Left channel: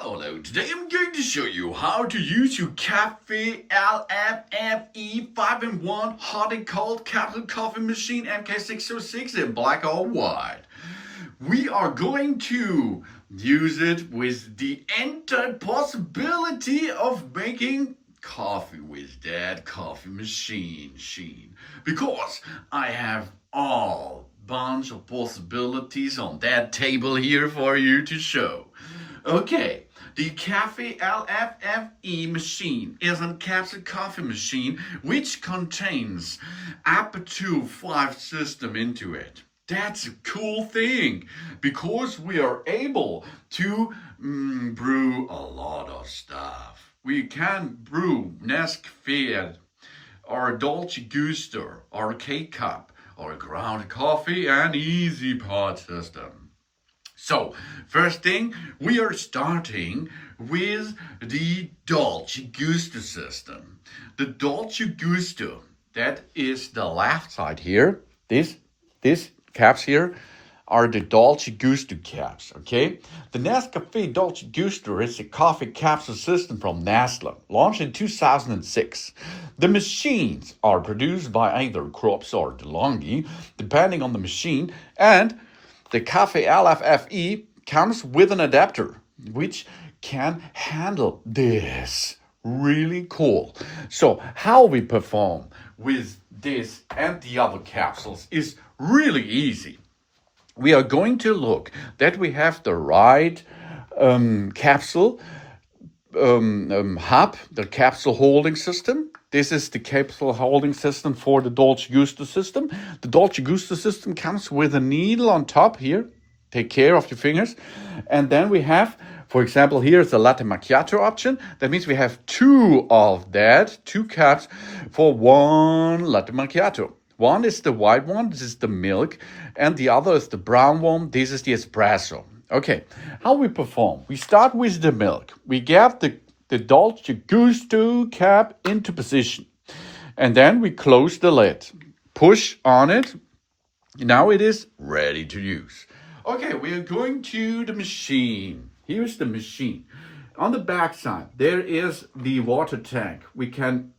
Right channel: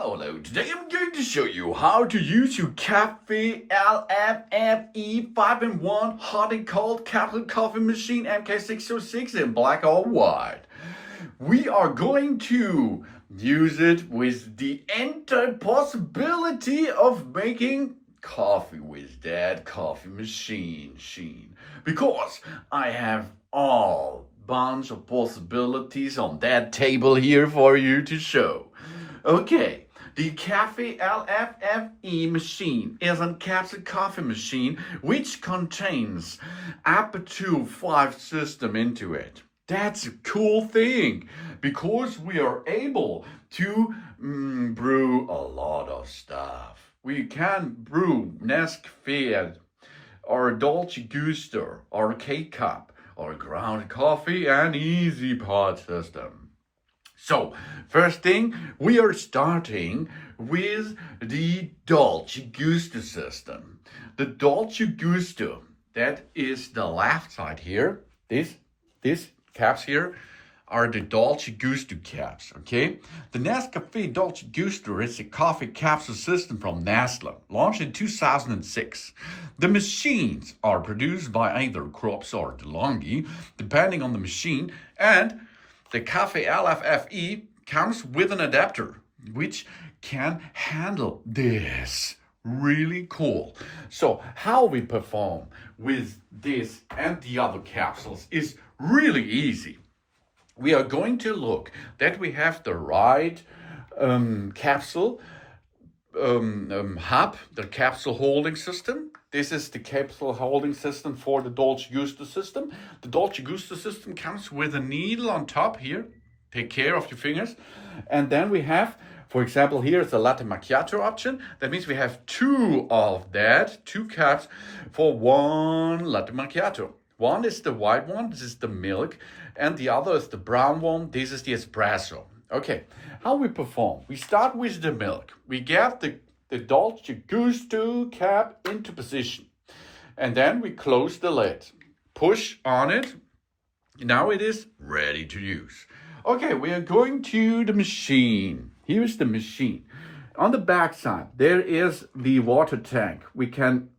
Hello. Today I'm going to show you how to use your Cafelffe LFFE 5-in-1 hot and cold capsule coffee machine MK606 in black or white. We are going to use it with the entire possibility of making coffee with that coffee machine. Because I have all bunch of possibilities on that table here for you to show. Okay, the Cafelffe LFFE machine is a capsule coffee machine which contains up to 5 systems into it. That's a cool thing because we are able to brew a lot of stuff. We can brew Nespresso or Dolce Gusto or K-Cup or ground coffee and easy pot system. So, first thing, we are starting with the Dolce Gusto system. The Dolce Gusto, that is the left side here. These caps here are the Dolce Gusto caps, okay? The Nescafé Dolce Gusto is a coffee capsule system from Nestle, launched in 2006. The machines are produced by either Crops or Lungo, depending on the machine, and the Cafelffe LFFE comes with an adapter, which can handle this. Really cool. So how we perform with this and the other capsules is really easy. We are going to look that we have the right capsule hub, the capsule holding system. This is the capsule holding system for the Dolce Gusto system. The Dolce Gusto system comes with a needle on top here. Take care of your fingers. And then we have, for example, here is a latte macchiato option. That means we have 2 of that, 2 cups for 1 latte macchiato. One is the white one, this is the milk, and the other is the brown one, this is the espresso. Okay, how we perform? We start with the milk. We get the Dolce Gusto cap into position. And then we close the lid. Push on it. Now it is ready to use. Okay, we are going to the machine. Here's the machine. On the back side, there is the water tank. We can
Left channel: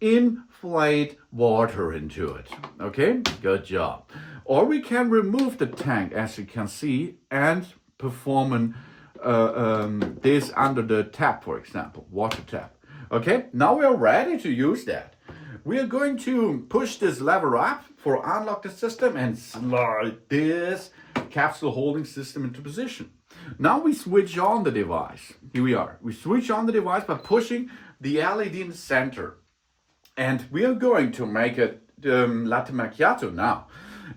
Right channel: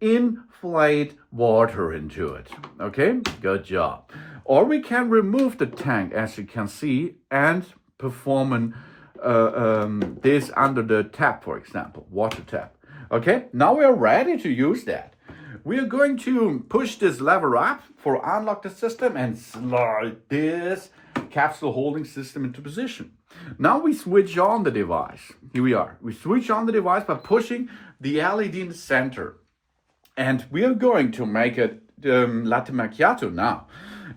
inflate water into it. Okay, good job. Or we can remove the tank, as you can see, and perform this under the tap, for example, water tap. Okay, now we are ready to use that. We are going to push this lever up for unlock the system and slide this capsule holding system into position. Now we switch on the device. Here we are. We switch on the device by pushing the LED in the center. And we are going to make it latte macchiato now.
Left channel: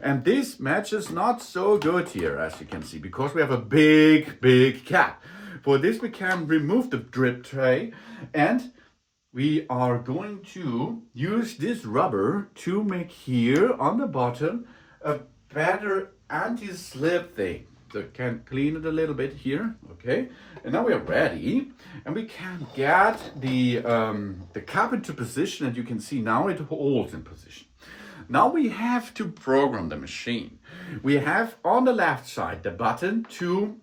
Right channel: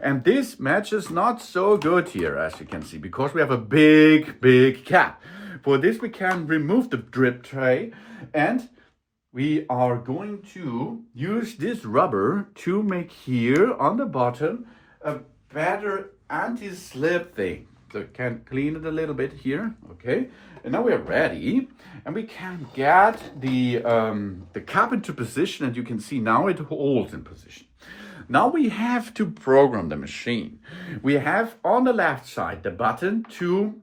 And this matches not so good here, as you can see, because we have a big cap. For this, we can remove the drip tray, and we are going to use this rubber to make here on the bottom a better anti-slip thing. So can clean it a little bit here, okay? And now we are ready, and we can get the cup into position, and you can see now it holds in position. Now we have to program the machine. We have on the left side the button to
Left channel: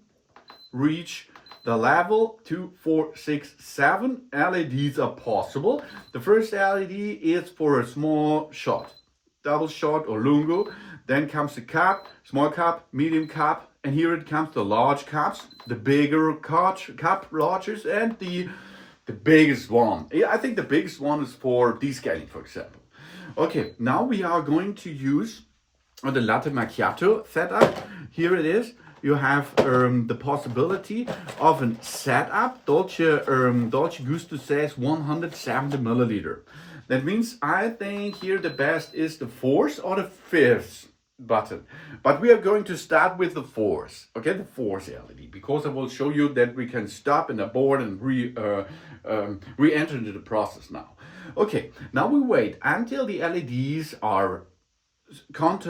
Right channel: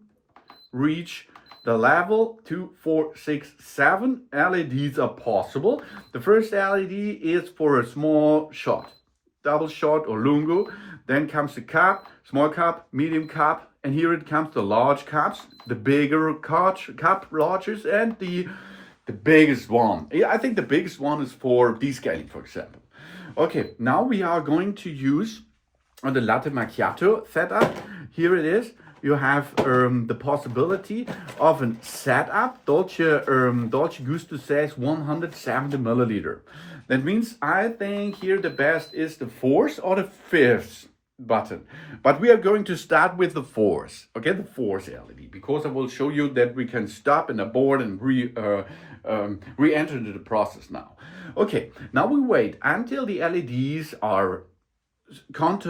reach the level 2, 4, 6, 7 LEDs are possible. The first LED is for a small shot, double shot or lungo. Then comes the cup, small cup, medium cup, and here it comes the large cups, the bigger cup largest, and the biggest one. I think the biggest one is for descaling, for example. Okay, now we are going to use the latte macchiato setup. Here it is. You have the possibility of a setup. Dolce Gusto says 170 milliliter. That means I think here the best is the 4th or the 5th button. But we are going to start with the 4th. Okay, the 4th LED, because I will show you that we can stop and abort and re-enter into the process now. Okay, now we wait until the LEDs are not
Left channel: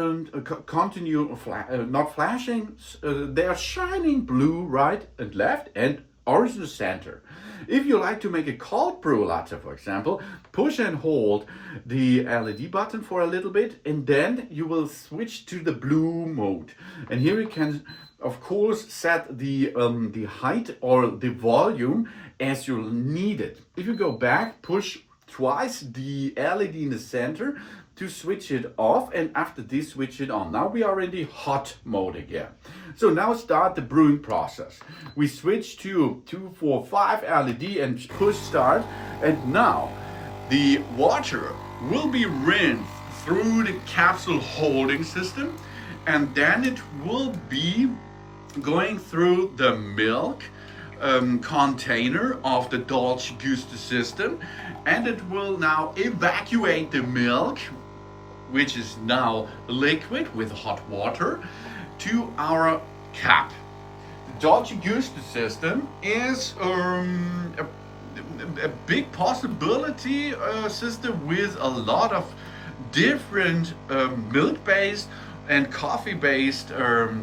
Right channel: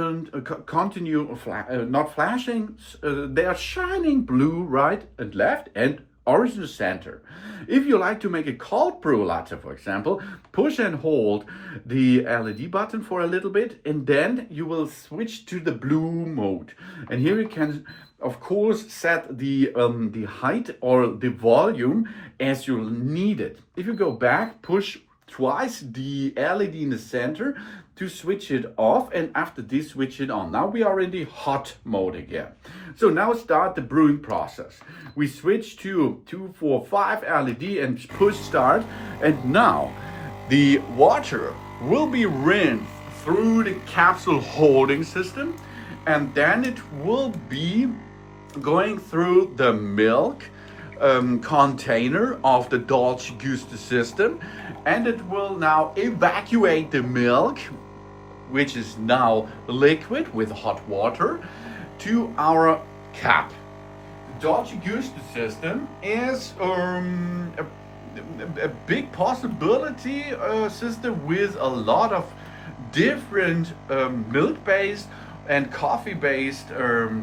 flashing. They are shining blue right and left and Original center. If you like to make a cold brew latte, for example, push and hold the LED button for a little bit, and then you will switch to the blue mode. And here you can, of course, set the height or the volume as you need it. If you go back, push twice the LED in the center to switch it off, and after this switch it on. Now we are in the hot mode again. So now start the brewing process. We switch to 245 LED and push start, and now the water will be rinsed through the capsule holding system, and then it will be going through the milk container of the Dolce Gusto system, and it will now evacuate the milk, which is now liquid with hot water, to our cap. The Dolce Gusto system is a big possibility system with a lot of different milk-based and coffee-based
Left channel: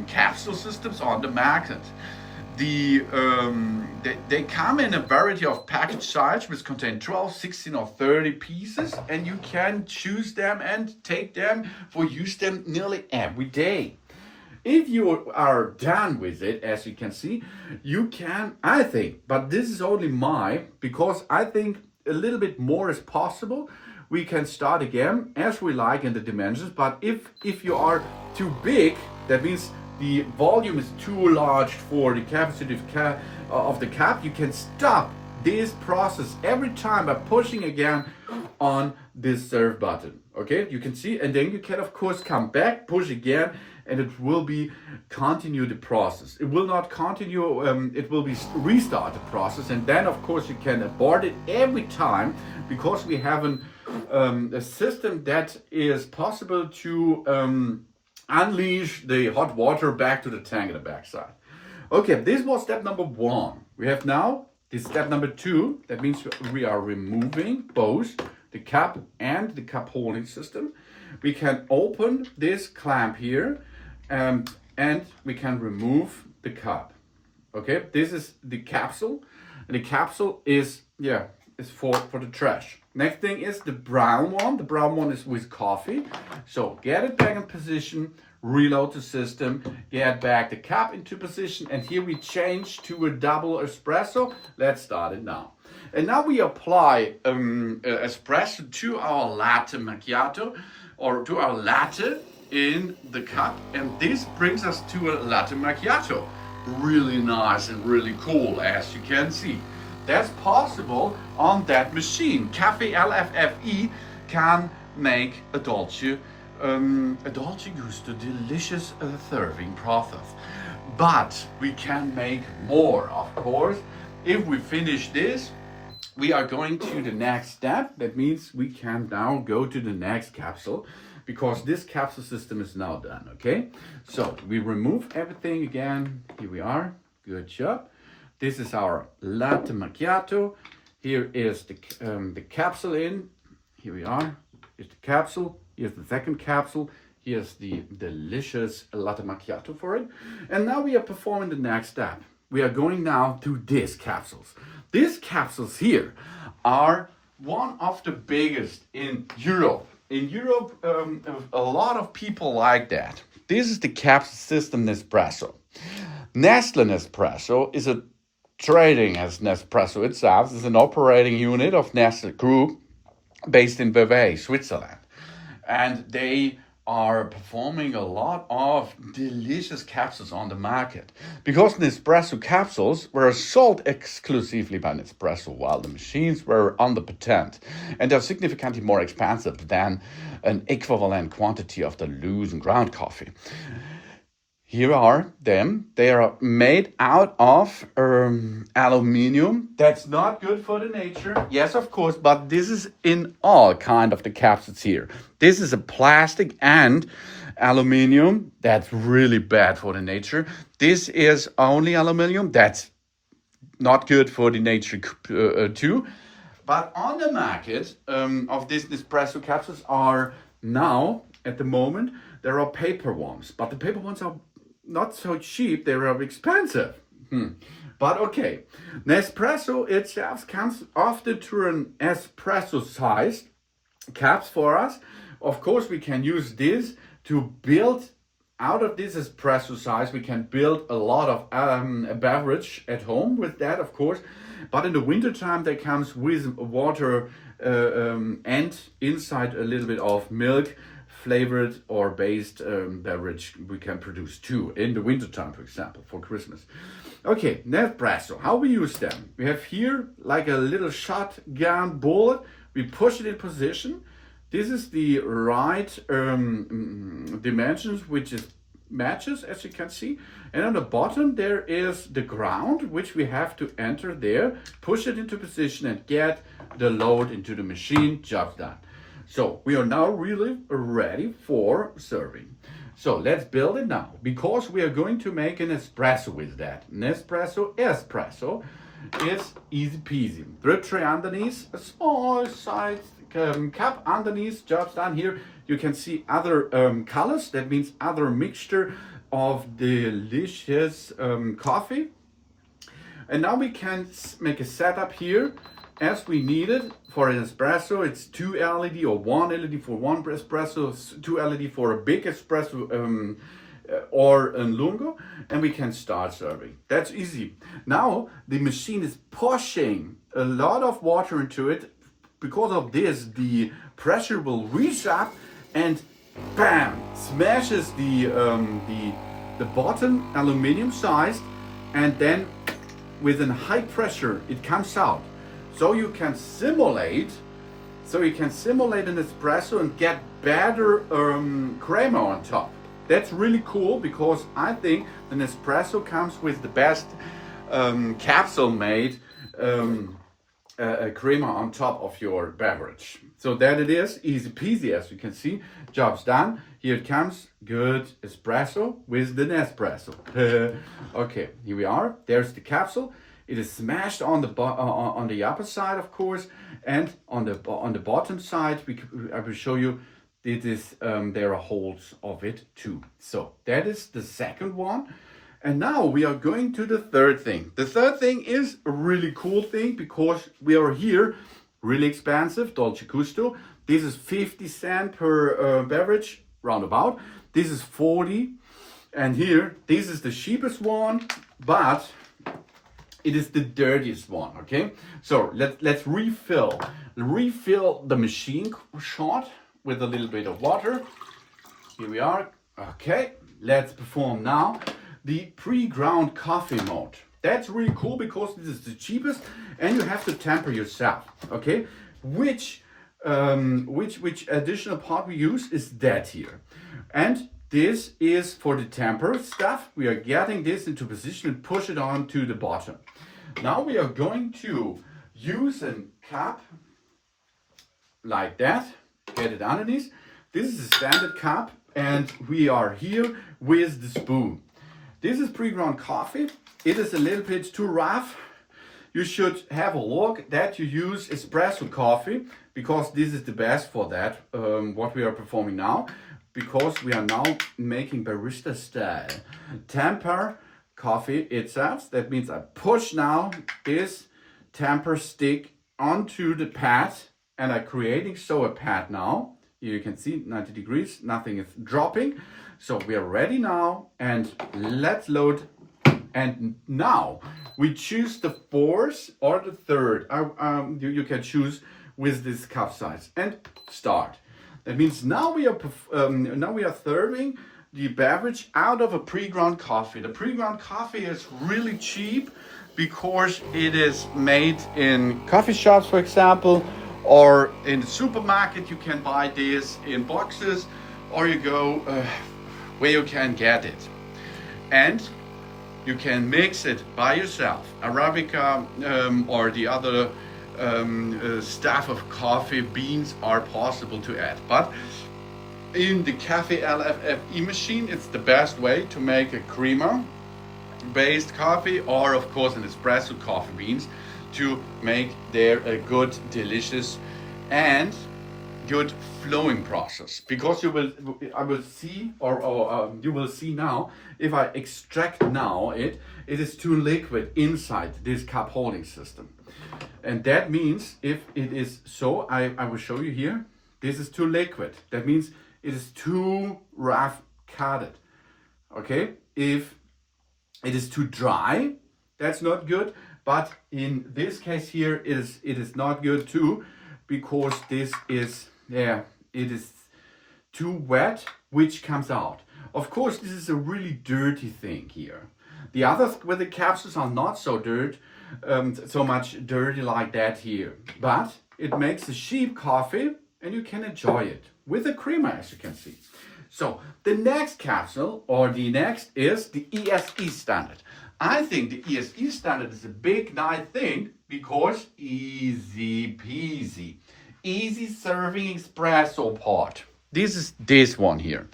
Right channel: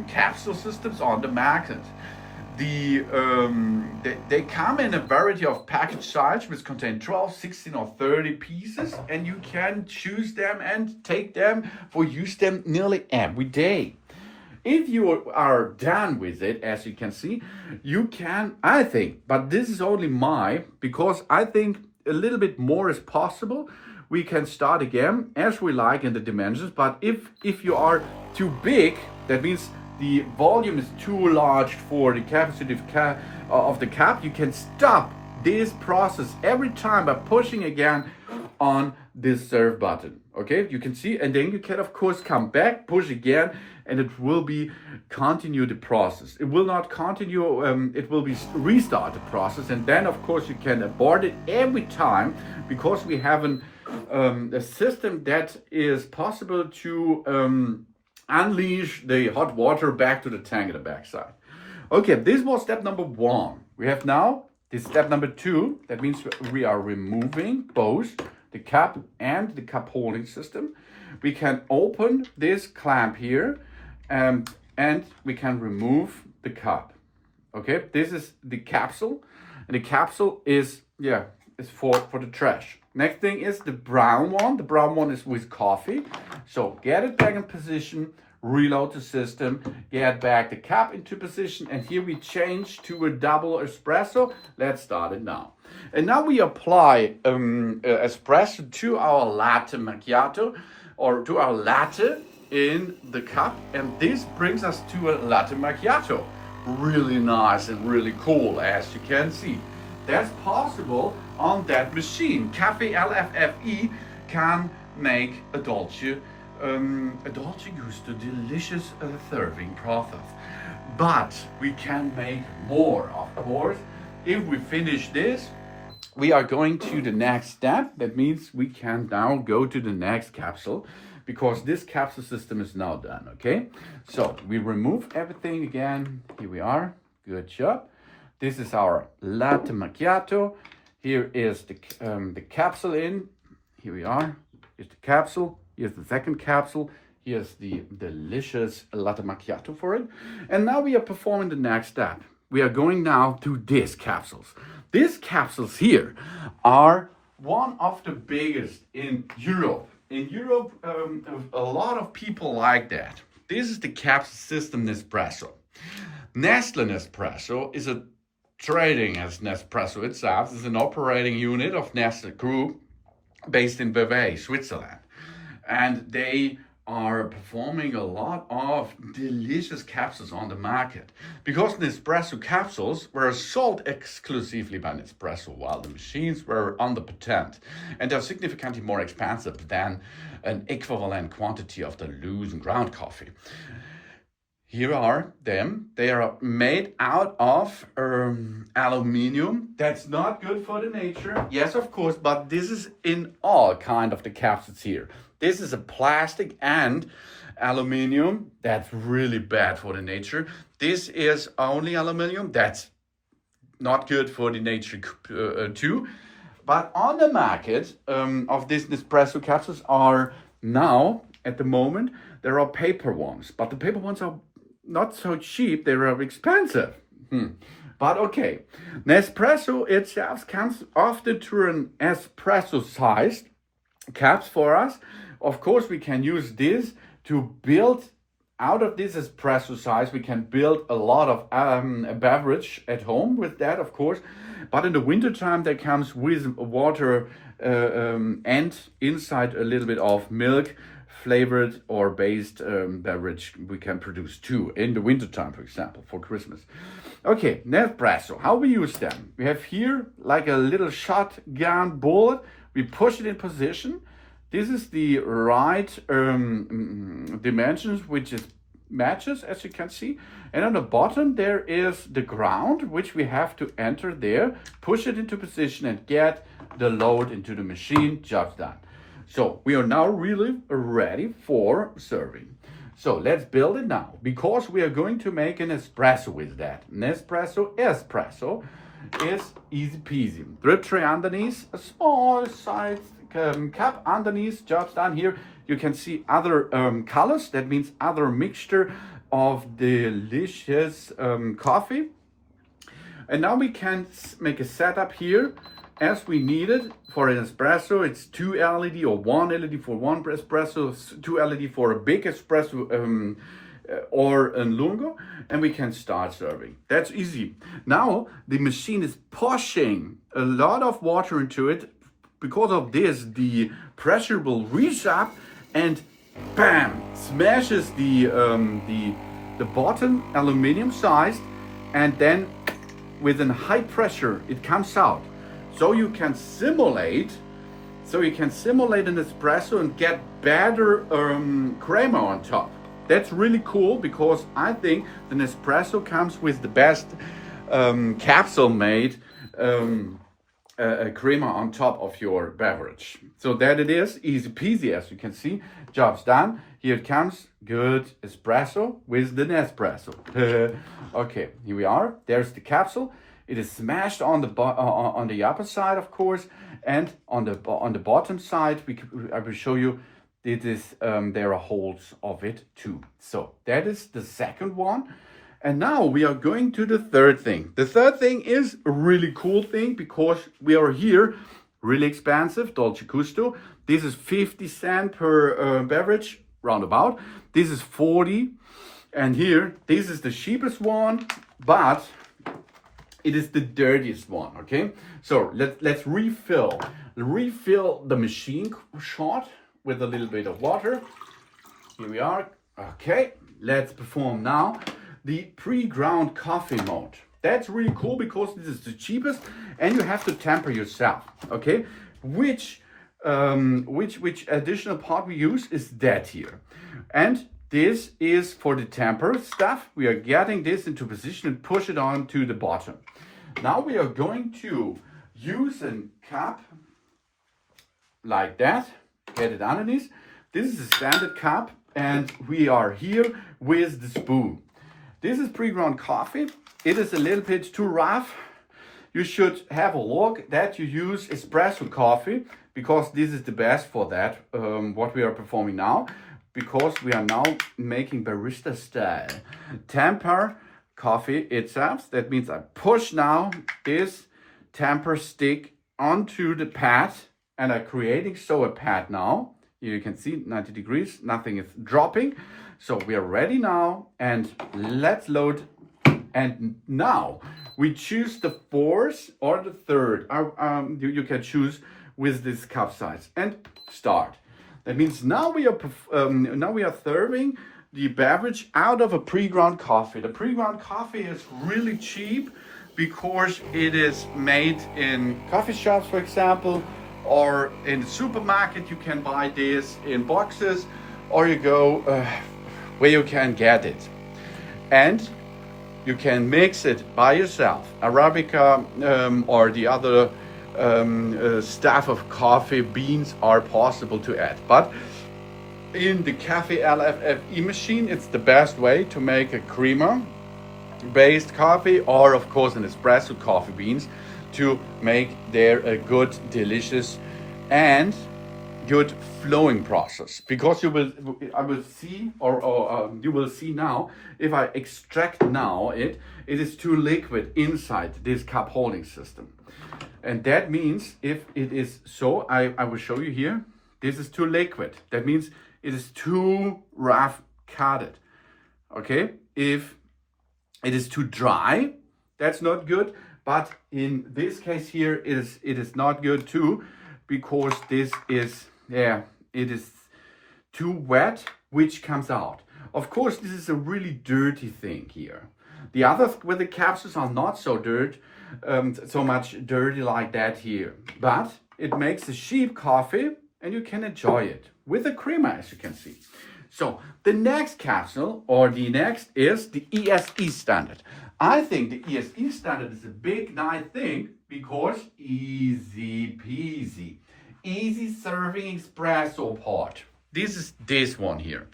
capsule systems on the market. They come in a variety of package size, which contain 12, 16 or 30 pieces, and you can choose them and take them or use them nearly every day. If you are done with it, as you can see, you can, I think, but this is only because I think a little bit more is possible. We can start again as we like in the dimensions, but if you are too big, that means the volume is too large for the capacity of the cap, you can stop this process every time by pushing again on this serve button. Okay, you can see, and then you can of course come back, push again, and it will be continue the process. It will not continue, it will be restart the process, and then of course you can abort it every time, because we have a system that is possible to unleash the hot water back to the tank at the backside. Okay, this was step number 1. We have now this step number 2. That means we are removing both the cap and the cup holding system. We can open this clamp here, and we can remove the cup. Okay, this is the capsule, and the capsule is for the trash. Next thing is the brown one. The brown one is with coffee. So get it back in position, reload the system, get back the cap into position, and here we change to a double espresso. Let's start it now. And now we apply espresso to our latte macchiato, or to our latte in the cup, and this brings us to a latte macchiato. Really nice and really cool, as you can see. That's possible on that machine. Cafelffe can make a Dolce Gusto delicious serving process. But we can make more, of course. If we finish this, we are going to the next step. That means we can now go to the next capsule, because this capsule system is now done, okay? So we remove everything again. Here we are, good job. This is our latte macchiato. Here is the capsule in. Here we are, here's the capsule. Here's the second capsule. Here's the delicious latte macchiato for it. And now we are performing the next step. We are going now to these capsules. These capsules here are one of the biggest in Europe. In Europe, a lot of people like that. This is the capsule system Nespresso. Nestle Nespresso is a trading as Nespresso itself. Is an operating unit of Nestle Group based in Vevey, Switzerland. And they are performing a lot of delicious capsules on the market. Because Nespresso capsules were sold exclusively by Nespresso, while the machines were under patent, and are significantly more expensive than an equivalent quantity of the loose and ground coffee. Here are them. They are made out of aluminium. That's not good for the nature. Yes, of course, but this is in all kind of the capsules here. This is a plastic and aluminium. That's really bad for the nature. This is only aluminium. That's not good for the nature too. But on the market of these Nespresso capsules are now, at the moment, there are paper ones. But the paper ones are not so cheap, they are expensive. But okay, Nespresso itself comes often to an espresso-sized caps for us. Of course, we can use this to build out of this espresso size. We can build a lot of a beverage at home with that, of course. But in the wintertime, that comes with water and inside a little bit of milk flavored or based beverage we can produce too in the wintertime, for example, for Christmas. Okay, Nespresso, how we use them? We have here like a little shotgun bullet. We push it in position. This is the right dimensions, which is matches, as you can see. And on the bottom, there is the ground, which we have to enter there, push it into position and get the load into the machine, job done. So we are now really ready for serving. So let's build it now, because we are going to make an espresso with that. Nespresso espresso is easy peasy. Drip tray underneath, a small size cup underneath, just down here. You can see other colors. That means other mixture of delicious coffee. And now we can make a setup here as we need it for an espresso. It's 2 LED or 1 LED for one espresso, 2 LED for a big espresso or a Lungo, and we can start serving. That's easy. Now the machine is pushing a lot of water into it. Because of this, the pressure will reach up and bam, smashes the bottom aluminum size, and then with a high pressure it comes out. So you can simulate an espresso and get better crema on top. That's really cool, because I think the Nespresso comes with the best capsule made crema on top of your beverage. So that it is, easy peasy, as you can see. Job's done. Here it comes, good espresso with the Nespresso. Okay, here we are. There's the capsule. It is smashed on the upper side, of course, and on the bottom side, I will show you. It is there are holes of it too. So that is the second one. And now we are going to the third thing. The third thing is a really cool thing, because we are here, really expensive, Dolce Gusto. This is 50 cents per beverage, roundabout. This is 40. And here, this is the cheapest one, but it is the dirtiest one, okay? So let's refill the machine short with a little bit of water. Here we are. Okay, let's perform now the pre-ground coffee mode. That's really cool, because this is the cheapest and you have to temper yourself, okay? Which additional part we use is that here. And this is for the temper stuff. We are getting this into position and push it on to the bottom. Now we are going to use a cup like that, get it underneath. This is a standard cup, and we are here with the spoon. This is pre-ground coffee. It is a little bit too rough. You should have a look that you use espresso coffee, because this is the best for that, what we are performing now, because we are now making barista style. Temper coffee itself. That means I push now this temper stick onto the pad, and I'm creating a pad now. You can see 90 degrees, nothing is dropping. So we are ready now, and let's load. And now we choose the fourth or the third. You can choose with this cup size and start. That means now we are serving the beverage out of a pre-ground coffee. The pre-ground coffee is really cheap, because it is made in coffee shops, for example, or in the supermarket. You can buy this in boxes, or you go where you can get it, and you can mix it by yourself. Arabica or the other stuff of coffee beans are possible to add, but in the Cafelffe machine, it's the best way to make a creamer based coffee, or of course an espresso coffee beans, to make there a good, delicious and good flowing process, because you will see now, if I extract now it is too liquid inside this cup holding system. And that means if it is so, I will show you here, this is too liquid. That means it is too rough cutted. Okay, if it is too dry, that's not good. But in this case here, it is not good too, because this is, it is too wet, which comes out. Of course, this is a really dirty thing here. The others with the capsules are not so so much dirty like that here. But it makes a cheap coffee and you can enjoy it with the creamer, as you can see. So the next capsule, or the next, is the ESE standard. I think the ESE standard is a big nice thing, because easy peasy. Easy serving espresso pot. This is this one here.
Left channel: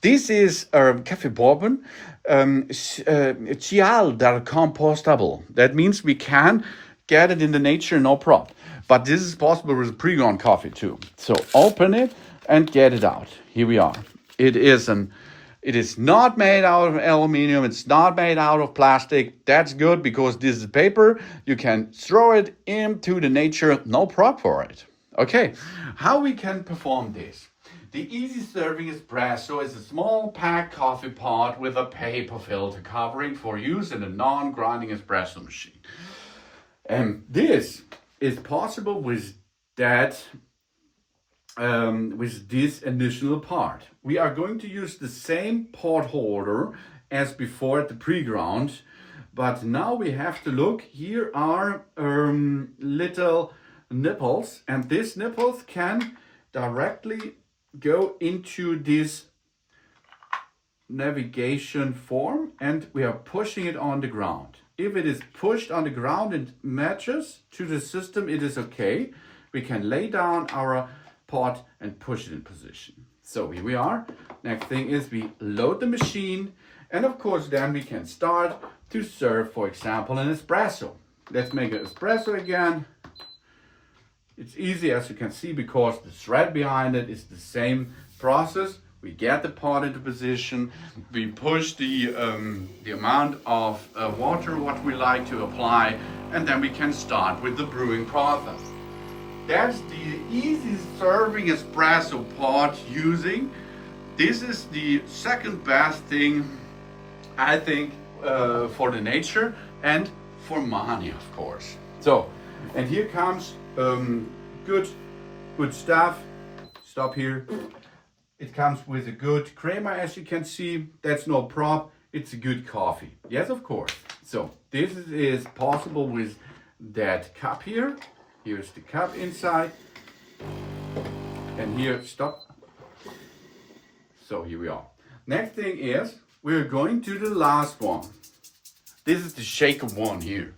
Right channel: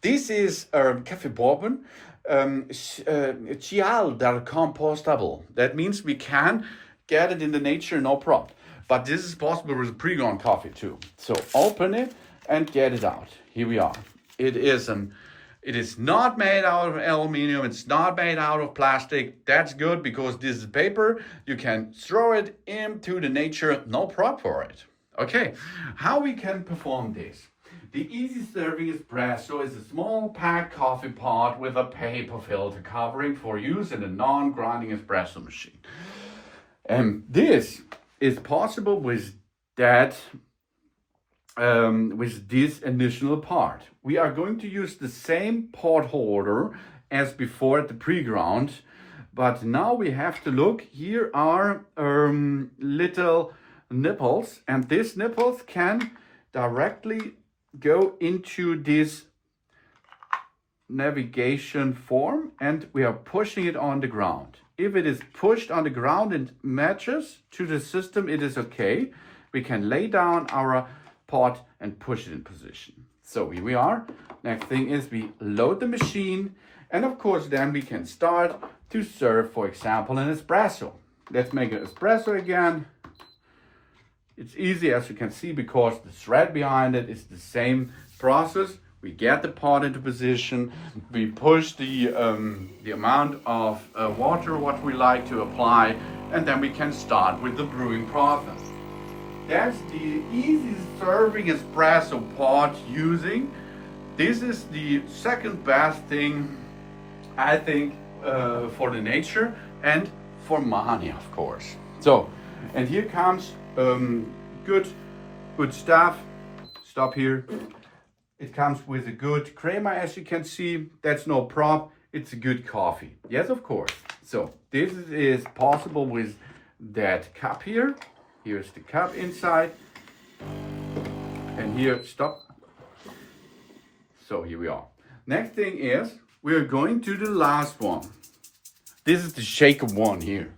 This is Cafe Bourbon Cial that compostable. That means we can get it in the nature, no problem. But this is possible with pre-ground coffee too. So open it and get it out. Here we are. It is not made out of aluminum. It's not made out of plastic. That's good, because this is paper. You can throw it into the nature, no problem for it. Okay, how we can perform this? The easy serving espresso is a small packed coffee pot with a paper filter covering for use in a non-grinding espresso machine. And this is possible with that. With this initial part. We are going to use the same pot holder as before at the pre-ground, but now we have to look. Here are little nipples, and these nipples can directly go into this navigation form, and we are pushing it on the ground. If it is pushed on the ground and matches to the system, it is okay. We can lay down our pot and push it in position. So here we are. Next thing is we load the machine, and of course then we can start to serve, for example, an espresso. Let's make an espresso again. It's easy, as you can see, because the thread behind it is the same process. We get the pot into position, we push the amount of water what we like to apply, and then we can start with the brewing process. That's the easy serving espresso pot using. This is the second best thing, I think, for the nature and for money, of course. So, and here comes good stuff. Stop here. It comes with a good creamer, as you can see. That's no problem. It's a good coffee. Yes, of course. So this is possible with that cup here. Here's the cup inside, and here, stop. So here we are. Next thing is, we're going to the last one. This is the shaker one here.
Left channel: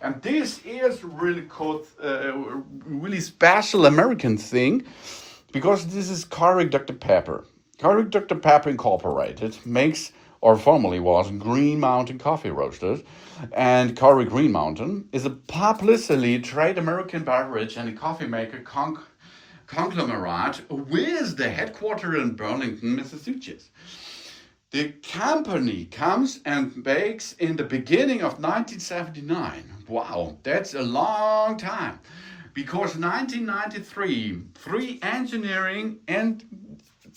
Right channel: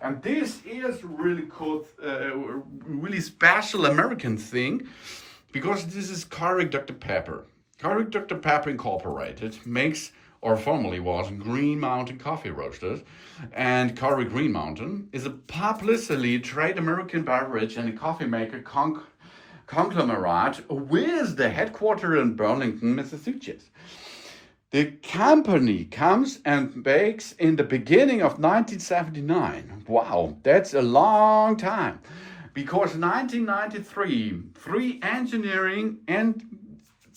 And this is really cool, really special American thing, because this is Keurig Dr. Pepper. Keurig Dr. Pepper Incorporated makes, or formerly was, Green Mountain Coffee Roasters. And Keurig Green Mountain is a publicly traded American beverage and a coffee maker conglomerate with the headquarters in Burlington, Massachusetts. The company comes and bakes in the beginning of 1979. Wow, that's a long time. Because in 1993, 3 engineering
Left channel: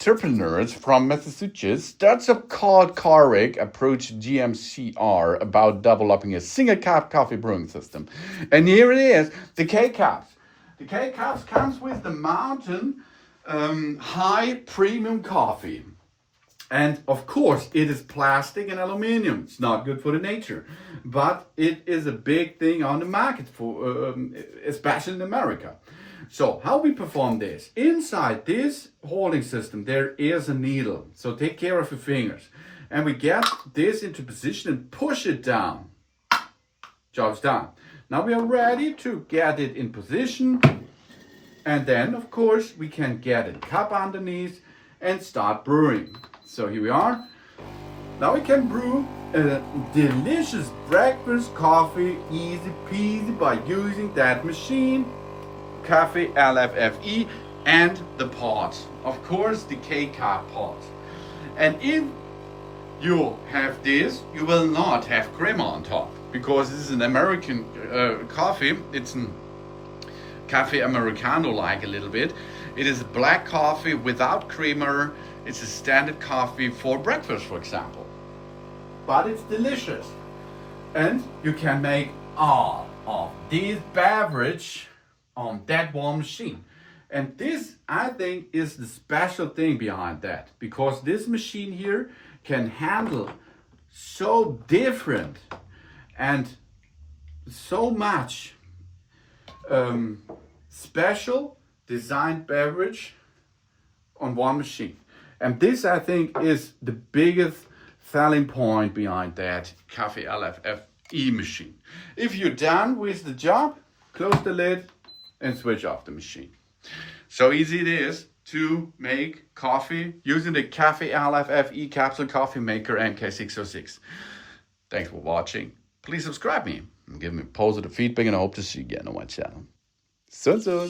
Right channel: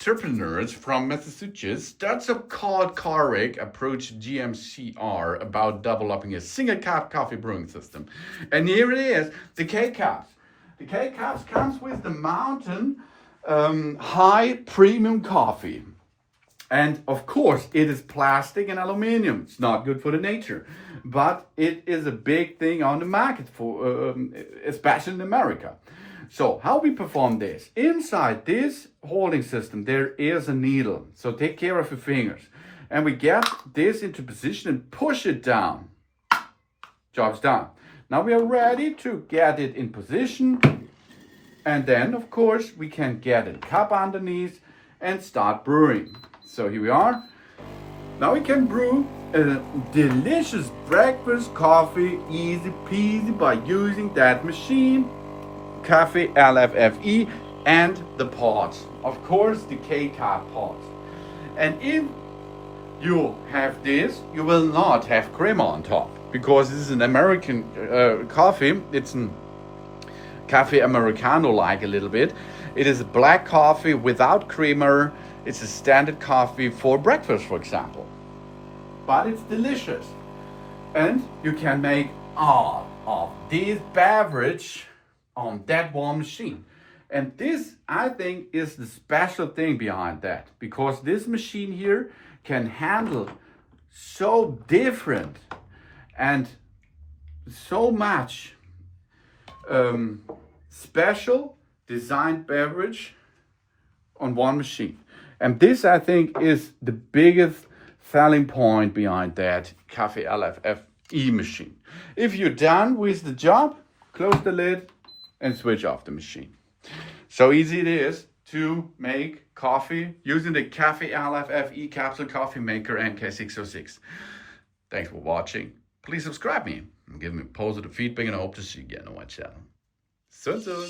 entrepreneurs from Massachusetts, that's called Keurig, approached GMCR about developing a single cup coffee brewing system. And here it is, the K-Cups. The K-Cups comes with the Mountain high premium coffee. And of course, it is plastic and aluminum. It's not good for the nature, but it is a big thing on the market, for especially in America. So how we perform this? Inside this holding system, there is a needle. So take care of your fingers. And we get this into position and push it down. Job's done. Now we are ready to get it in position. And then, of course, we can get a cup underneath and start brewing. So here we are. Now we can brew a delicious breakfast coffee, easy peasy, by using that machine, Cafelffe and the pot. Of course, the K-cup pot. And if you have this, you will not have creamer on top, because this is an American coffee. It's a Cafe Americano like a little bit. It is a black coffee without creamer. It's a standard coffee for breakfast, for example. But it's delicious. And you can make all of this beverage on that one machine. And this, I think, is the special thing behind that, because this machine here can handle so different and so much special designed beverage on one machine. And this, I think, is the biggest selling point behind that Cafelffe machine. If you're done with the job, close the lid and switch off the machine. So easy it is to make coffee using the Cafelffe capsule coffee maker MK606. Thanks for watching. Please subscribe me and give me positive feedback, and I hope to see you again on my channel. Soon.